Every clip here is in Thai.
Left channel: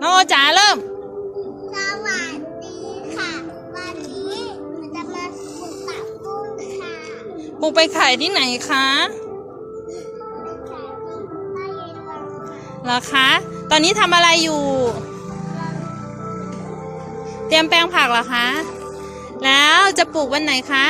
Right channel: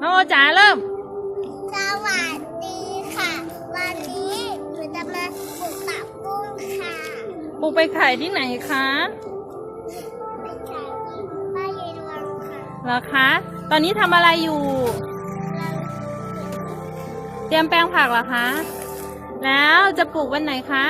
น้องโอจ๋าเริ่ม สวัสดีค่ะ วันนี้หนูจะมาปลูกผักบุ้งค่ะปลูกไปขายที่ไหนคะเป็นขายที่บ้านยายดวงค่ะเหรอคะ ตอนนี้ทำอะไรอยู่ เตรียมแปลงผักเหรอคะ แล้วจะปลูกวันไหนคะ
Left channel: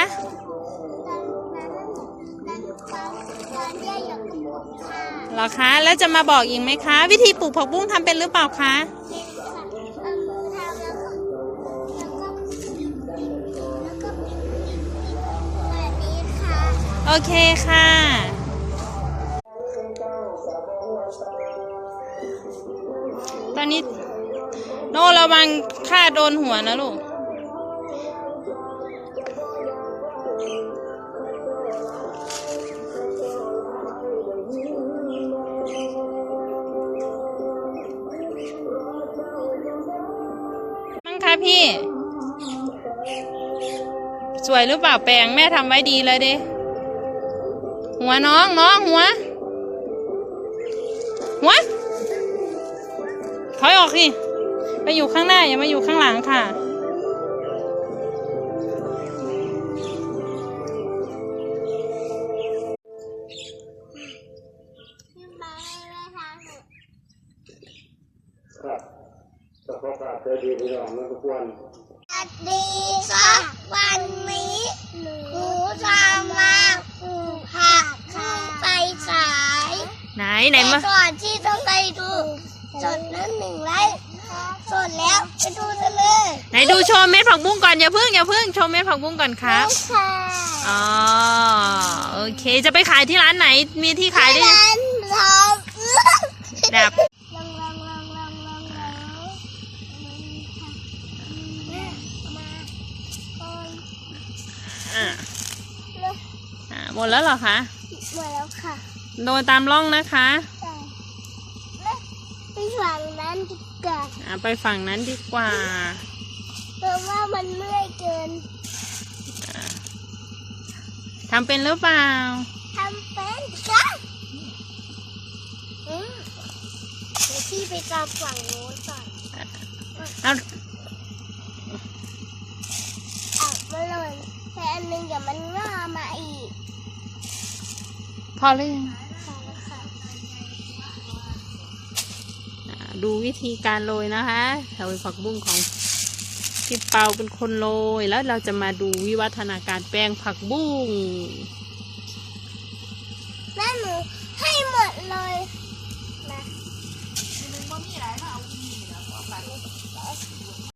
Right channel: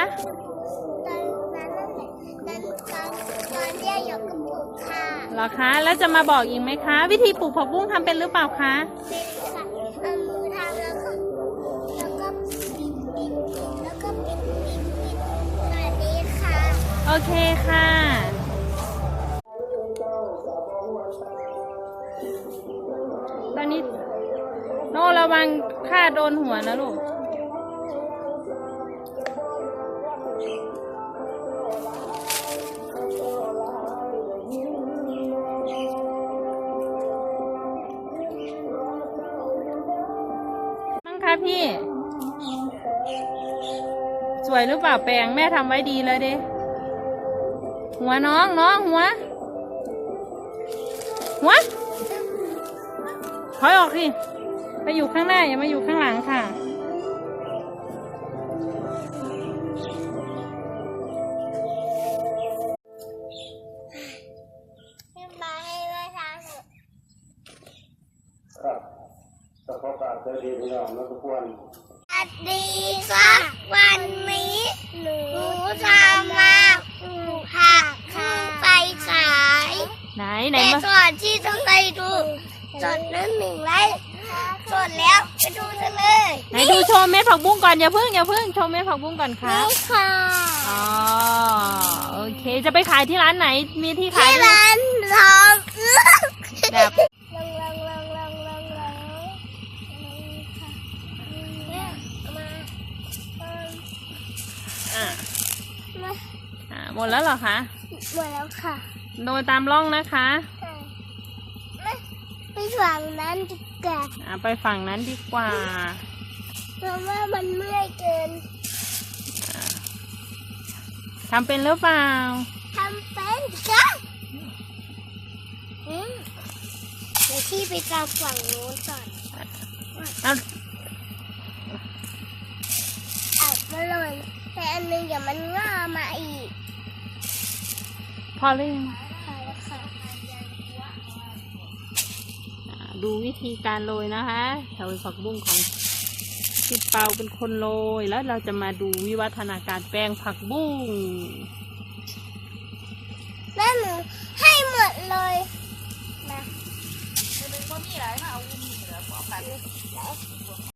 เหรอคะ แล้วจะมาบอกอีกไหมคะ วิธีปลูกผักบุ้งทำเป็นหรือเปล่าคะเป็นค่ะเอามือทำแล้วก็แล้วก็แล้วก็ปิดปิดปิดแบบนี้ค่ะโอเคค่ะ ตอนนี้โน่ระวังค่าโดนหัวนะลูก คะพี่ สวยหรือเปล่าแปลงแม่ทำไว้ดีเลยเด้หัวน้องน้องหัว หัวถอยออกสิไปอยู่ข้างหน้าอย่ามาอยู่ข้างหลังค่ะ แต่พอกราบเจดีย์พี่น้องนะทุกคนสวัสดีค่ะวันนี้หนูจะมาปลูกผักค่ะไปขายไหนไหนมาแต่ก่อนที่จะไปดูจดนั้นหนึ่งไลค์กดแล้วไปดูกันเลยไหนดูโชว์เม็ดผักบุ้งก่อนอย่าพึ่งอย่าพึ่งโชว์เม็ดผักบุ้งก่อนครับนี่ค่ะอ๋อโอเคจะไปขายที่ร้านไหนมีที่ขายด้วยร้านทองเอื้อแบ อ่ามาอ่าหมดแล้วเหรอคะ หมดแล้วค่ะ โดยตามร่องนะคะไปฝั่งนั้นดีกว่าอ่าไปฝั่งนั้นดีกว่า เพราะว่ามันเมื่อยเกินทำเป็นหรือเปล่าทำเป็นจ้ะอืมเดี๋ยวพี่ไปกางฝั่งโน้นก่อนเอาเอา อันหนึงเดี๋ยวมันง่ามาอีกพอหรือยังค่ะแล้วค่ะอ่าดูวิธีการโรยนะคะแถวผักบุ้งของพี่เปาเป็นคนโรย แล้วเราจะมาดูวิวัฒนาการแปลงผักบุ้งแม่หนูให้หมดเลย